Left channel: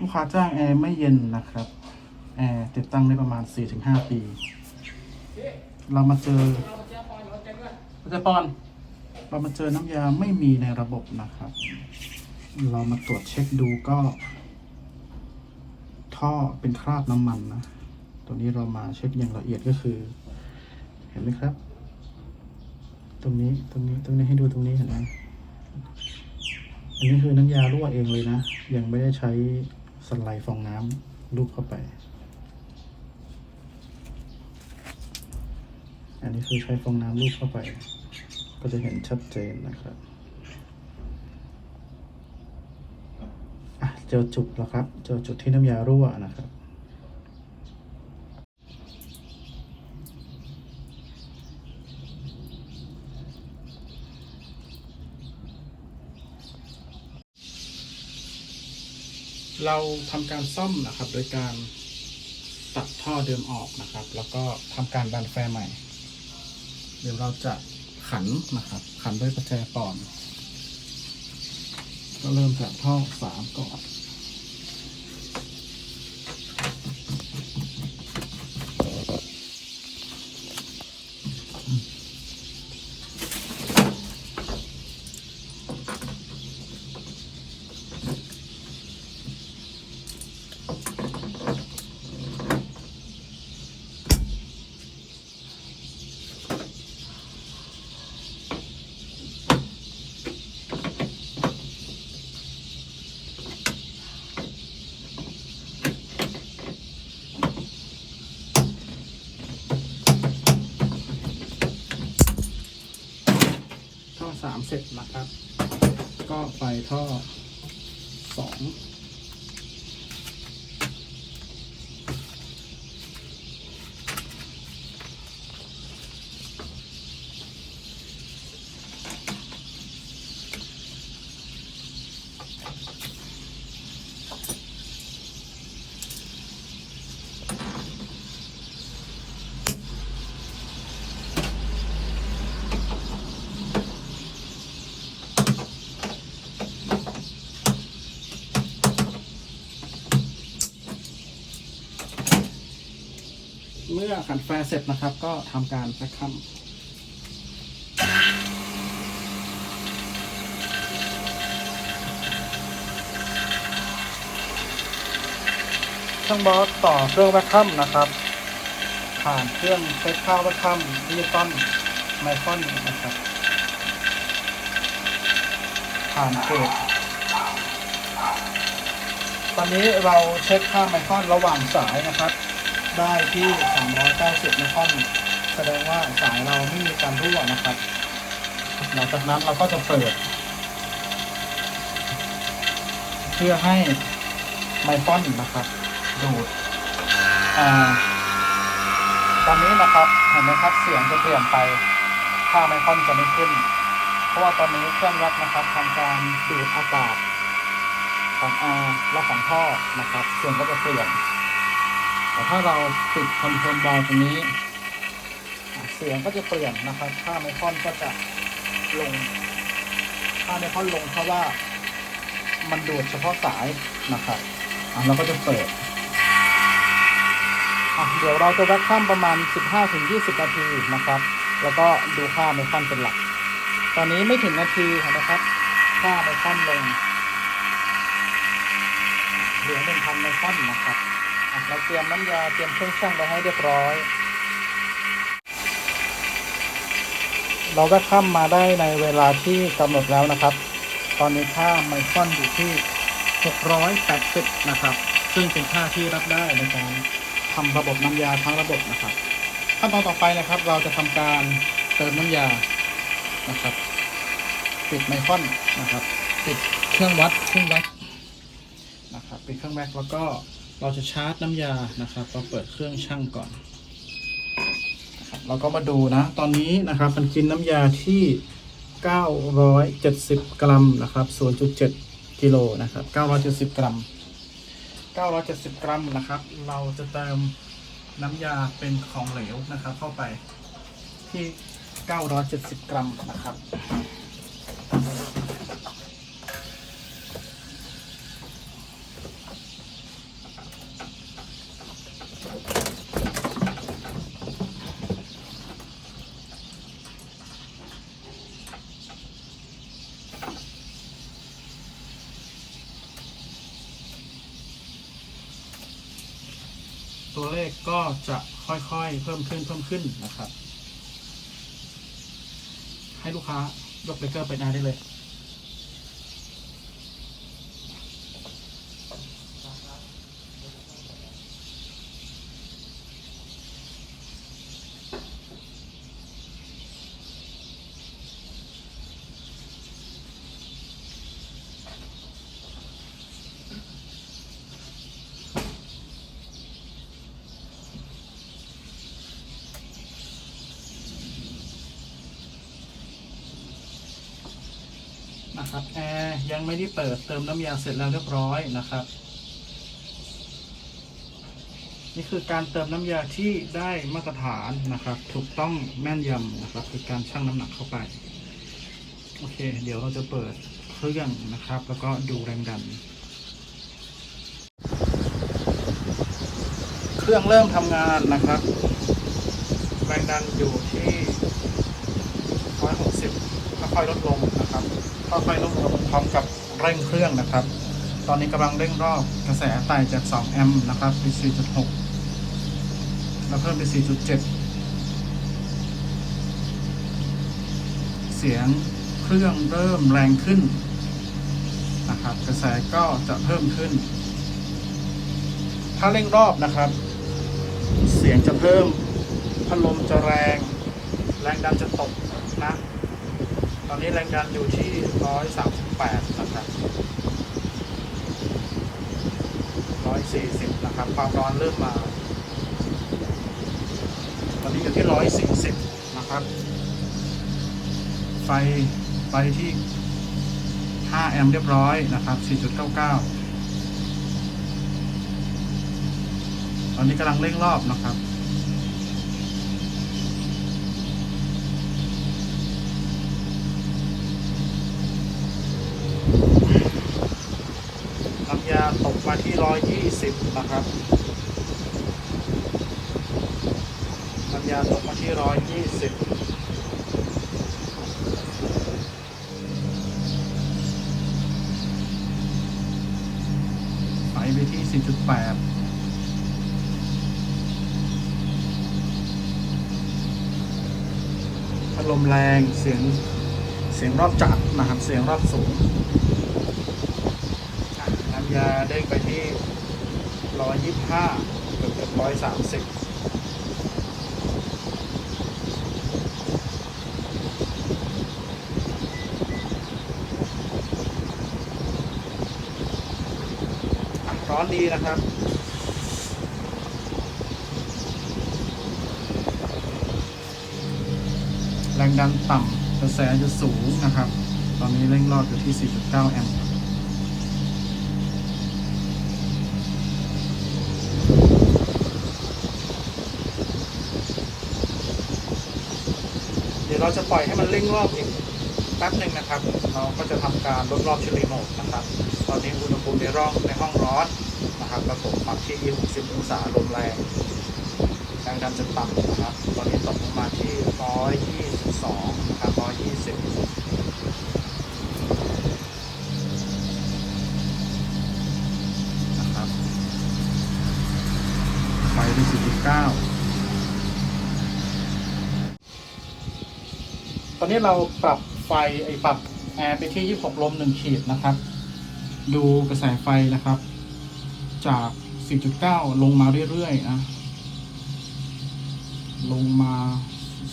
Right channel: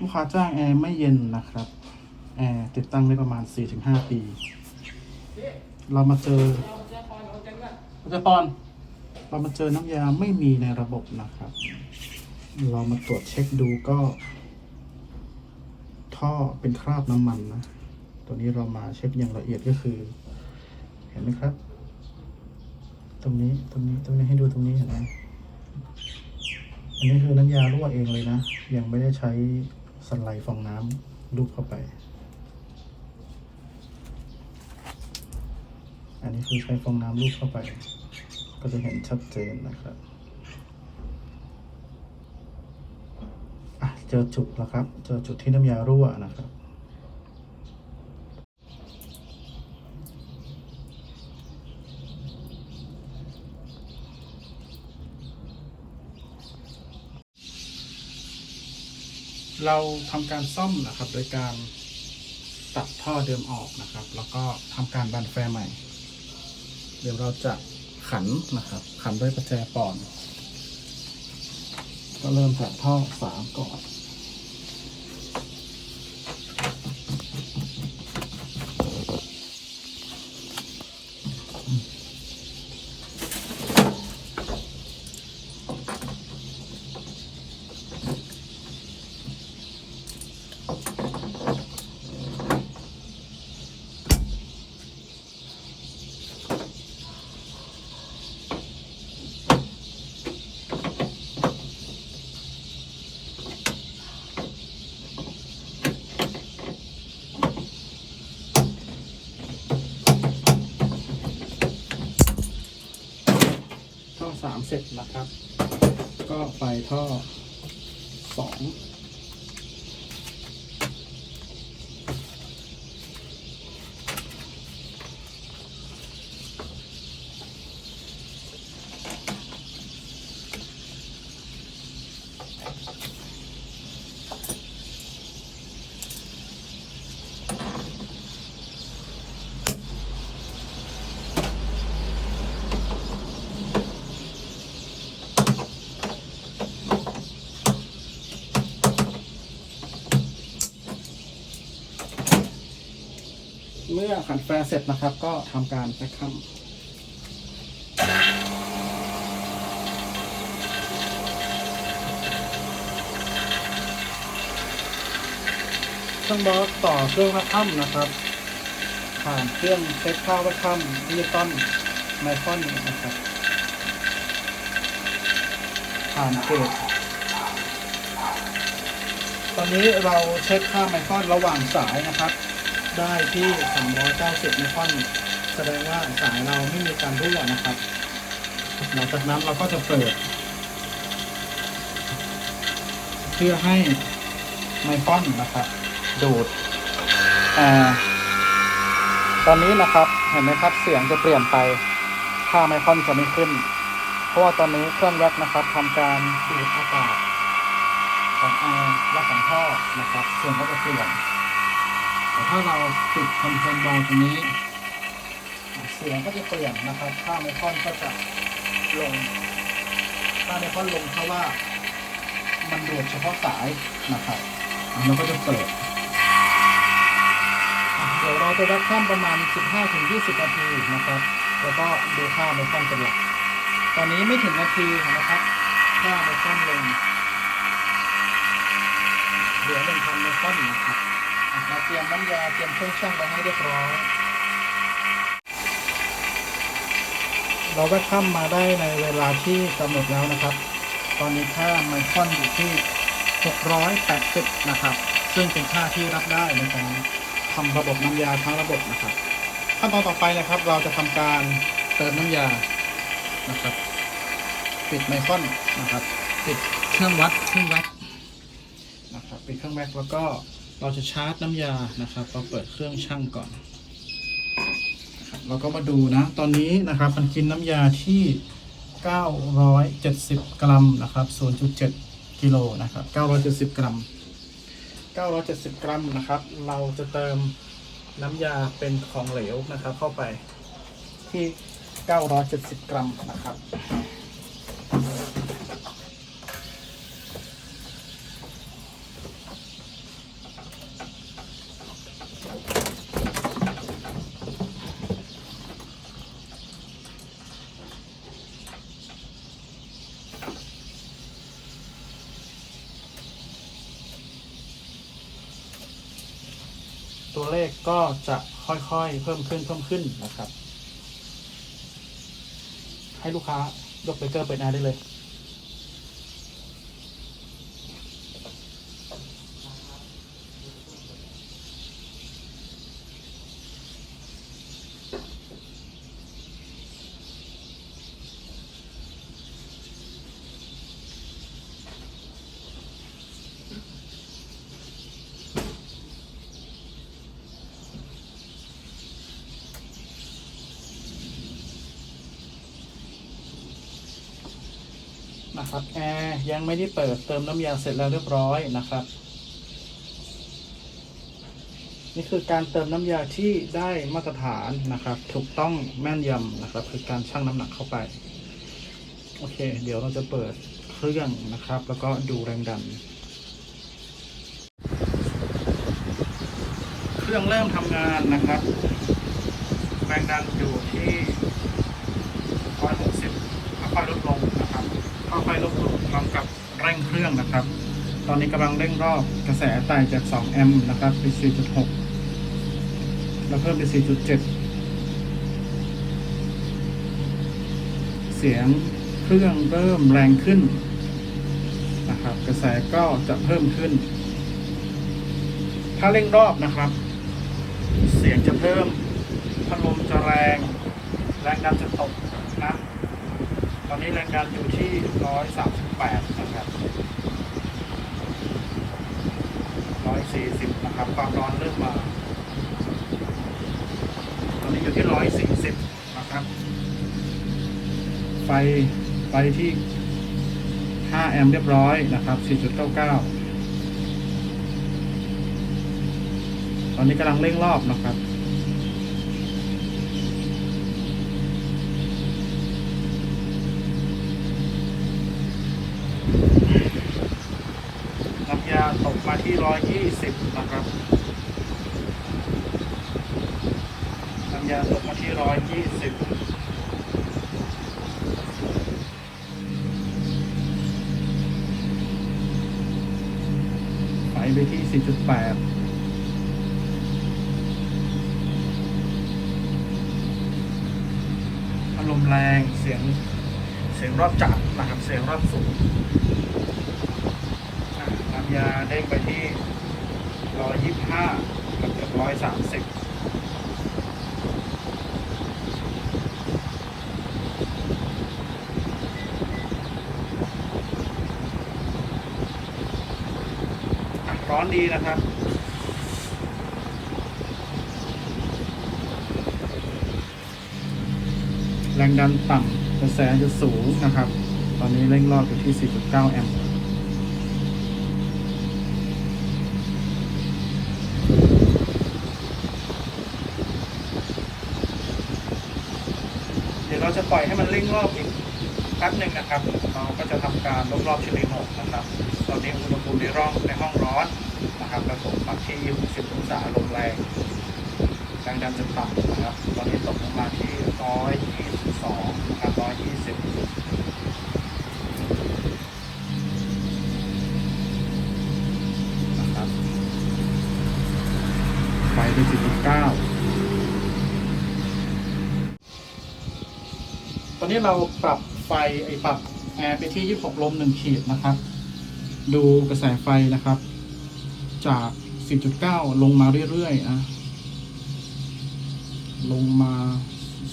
ลูกค้าจ้างแอร์ไม่เย็นนะครับ แอร์ติดตั้งได้ประมาณ 4-5 ปี เรามาเจออาจารย์ปอน เรามาเจอน้ำยาไม่มีในระบบนะครับ เรามาตรวจเช็คดูก็ ท่อเป็นคราบน้ำมันนะ ตัวนี้เรามาเช็คอย่างละเอียดก็คือ เห็นไหมครับ ตรงนี้ตรงนี้ตรงนี้ให้ดูตรงนี้เห็นไหมอันนี้คือน้ำยารั่วเองเลยนะ ยังไม่ได้ใช้ สไลด์ฟองน้ำลูบเข้าไป อันนี้คือใช้ฟองน้ำลูบเข้าไป ก็จะเห็นชัดเจนนะครับเจอจุดแล้วครับ เจอจุดที่น้ำยารั่วนะครับ เราทำการซ่อมนะครับ โดยการตัดท่อเดิมออกนะครับ แล้วก็ทำการดันแฟร์ใหม่ เดี๋ยวเราจะขันนะครับ ขันด้วยประแจปอน ก็เริ่มจากท่อสามก่อน เสร็จนะครับ ก็ไปท่อสอง มื่อขันแฟร์เสร็จนะครับ ก็ทำการแพ็คคัมช่างบอสต่อเครื่องแพ็คคัมนะครับ ผ่านเครื่องเซ็ตข้าวแพ็คคัมนิวตันไมคอนนะครับ ผ่านเกจตอนนี้เราเช็คค่าไมคอนระหว่างสายนะครับ ได้ที่ 390ไมครอนแสดงว่าสายเราไม่มีการรั่วนะครับ หลังจากนั้นเราก็จะเปิด เพื่อให้ไมครอนนะครับ ดูดแอร์ตอนนี้นะครับเห็นไหมครับเสียงจะเปลี่ยนไปค่าไมครอนจะม่ขึ้นเพราะว่าตอนนี้เครื่องยักษ์นะครับทำการดูดอากาศของแอร์และของท่อนะครับเสียงก็จะเปลี่ยน แต่ถ้าเราปิดคอนโทรลบอลตรงนี้ เสียงก็จะเปลี่ยนนะครับค่าไมครอนก็จะลงค่าไมครอนลงเพราะว่ามันดูดเฉพาะสายนะครับอะเราก็จะเปิดเดี๋ยวเราจะวัดข้ามประมาณ 15-20 นาทีนะครับ แล้วก็ดูค่าไมครอนเป็นหลัก ตอนนี้ไม่ถึงนาทีนะครับค่าไมครอนลงเหลือ1,000ไมครอนนะครับ เราเตรียมน้ำยาเตรียมเครื่องช่างไปให้เรียบร้อย เราได้ข้ามมาได้ในเวลาที่กำหนดแล้วนะครับ ตอนนี้ค่าไมครอนอยู่ที่ 680 นะครับ ซึ่งเป็นค่าที่รับได้ในการทำระบบน้ำยาทั้งระบบนะครับ ขั้นตอนต่อไปนะครับ เราจะทำการเติมน้ำยานะครับ ปิดไมครอนนะครับ ปิดเครื่องวัดเครื่องวัดนะครับ ปิดเครื่องแม็กแล้วก็ เราจะชาร์จน้ำยานะครับ เราเปิดเครื่องช่างก่อน เราก็มาดูนะ ตอนนี้นะครับมันกินน้ำยาที่ 970 กรัมนะครับ 0.7 กิโลนะครับ 970 กรัม 970 กรัมนะครับ เราจะเติมน้ำยาเป็นของเหลวนะครับ เข้าไปที่ 970 กรัมนะครับ เลขก็จะค่อยๆ เพิ่มขึ้นเพิ่มขึ้นนะครับ ให้ลูกค้ายกเบเกอร์ไปหน้าได้เลย นะครับแอร์ยังไม่ได้เปิดเติมน้ำยาเสร็จแล้วเรียบร้อยนะครับ นี่คือการเติมน้ำยาที่ได้มาตรฐานนะครับ ถูกต้องแม่นยำนะครับ คือการชั่งน้ำหนักเข้าไป โอเค เดี๋ยวเราจะเปิดเครื่องนะครับ แล้วก็ดูแรงดัน เครื่องเริ่มทำงานนะครับแรงดันอยู่ที่160ค่อยๆลดลง ค่อยๆลดลงพร้อมกับเร่งเครื่องนะครับ ตอนนี้กำลังเร่งรอบกระแสไต่จาก 2 แอมป์นะครับไป4.6 แล้วเพิ่มไป4.7 เสียงเครื่องเริ่มแรงขึ้นนะครับ กระแสก็จะเพิ่มขึ้น ถ้าเร่งรอบนะครับ เสียงจะเพิ่มพัดลมจะแรง แรงดันจะตกนะ ตอนนี้แรงดันอยู่ที่ 138 นะครับ 140 นะครับ ความร้อนเริ่มมา ตอนนี้อยู่ที่ 140 นะครับ ไฟ ไฟที่ 5 แอมป์เรียบร้อยนะครับ 4.99 ตอนนี้กำลังเร่งรอบนะครับ ตกมาที่120นะครับน้ำยาตกมาที่120ไปไปที่4.8อารมณ์แรงเสียงเสียงรอบจับนะครับเสียงรอบสูง ยาเด้งไปที่ร้อยยี่ห้าเกือบร้อยสามสิบร้อนดีนะครับแรงดันต่ำกระแสจะสูงนะครับ ตอนนี้เร่งรอบอยู่ที่ 4.9 แอมป์ เดี๋ยวเรา จะปล่อยให้มันเร่งรอบอีกแป๊บหนึ่งนะครับเราก็จะทำการลดรอบที่รีโมดนะครับ ตอนนี้อุณหภูมิในร่องในห้องร้อนนะครับแล้วผมปรับที่ 60 องศาลมแรงแรงดันจะต่ำนะครับ ตอนนี้ตกลงมาที่ 122นะครับ120นะครับไฟไป19 ตอนนี้เราปรับไฟไอ้ปรับแอร์ไปที่ 26 ลม 1 ขีดนะครับ ดูกระแสไฟนะครับ จาก4.9ลงมาเรื่อยๆนะลงมา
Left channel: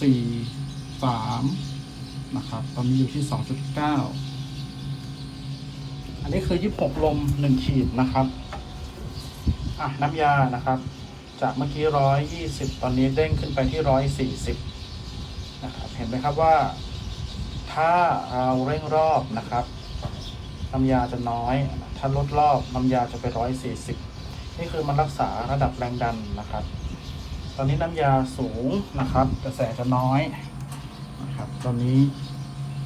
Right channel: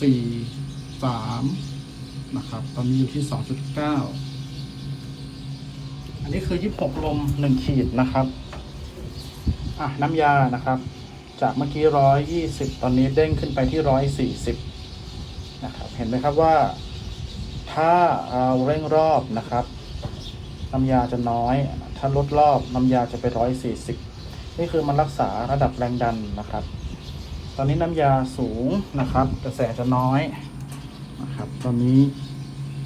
4 3 นะครับ ตอนนี้อยู่ที่ 2.9 อันนี้คือ 26 ลม 1 ขีดนะครับน้ำยานะครับ จากเมื่อกี้ 120 ตอนนี้เด้งขึ้นไปที่ 140นะครับ เห็นไหมครับว่า ถ้าเอาเร่งรอบนะครับน้ำยาจะน้อย ถ้าลดรอบน้ำยาจะเป็นร้อยสี่สิบนี่คือมันรักษาระดับแรงดันนะครับ ตอนนี้น้ำยาสูงนะครับ กระแสจะน้อยนะครับตอนนี้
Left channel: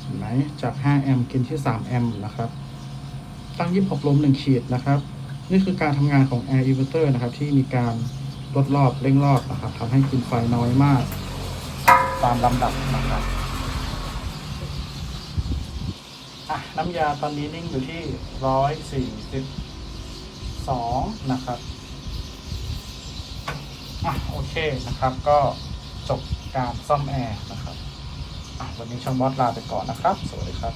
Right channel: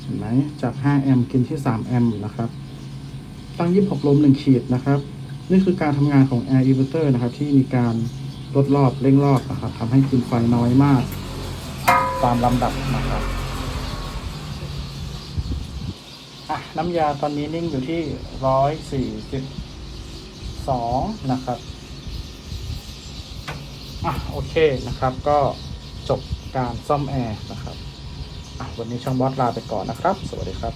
เห็นไหมจาก 5 แอมป์กินที่ 3 แอมป์นะครับตั้ง26ลม1ขีดนะครับ นี่คือการทำงานของ Air Inverter นะครับ ที่มีการลดรอบเร่งรอบนะครับทำให้กินไฟน้อยมากตอนลำดันะครับอะ น้ำยาตอนนี้นิ่งอยู่ที่ร้อยสี่สิบสองนะครับอะโอเคนะครับก็จบการซ่อมแอร์นะครับอะวันนี้ช่างบอสลาไปก่อนนะครับ สวัสดีครับ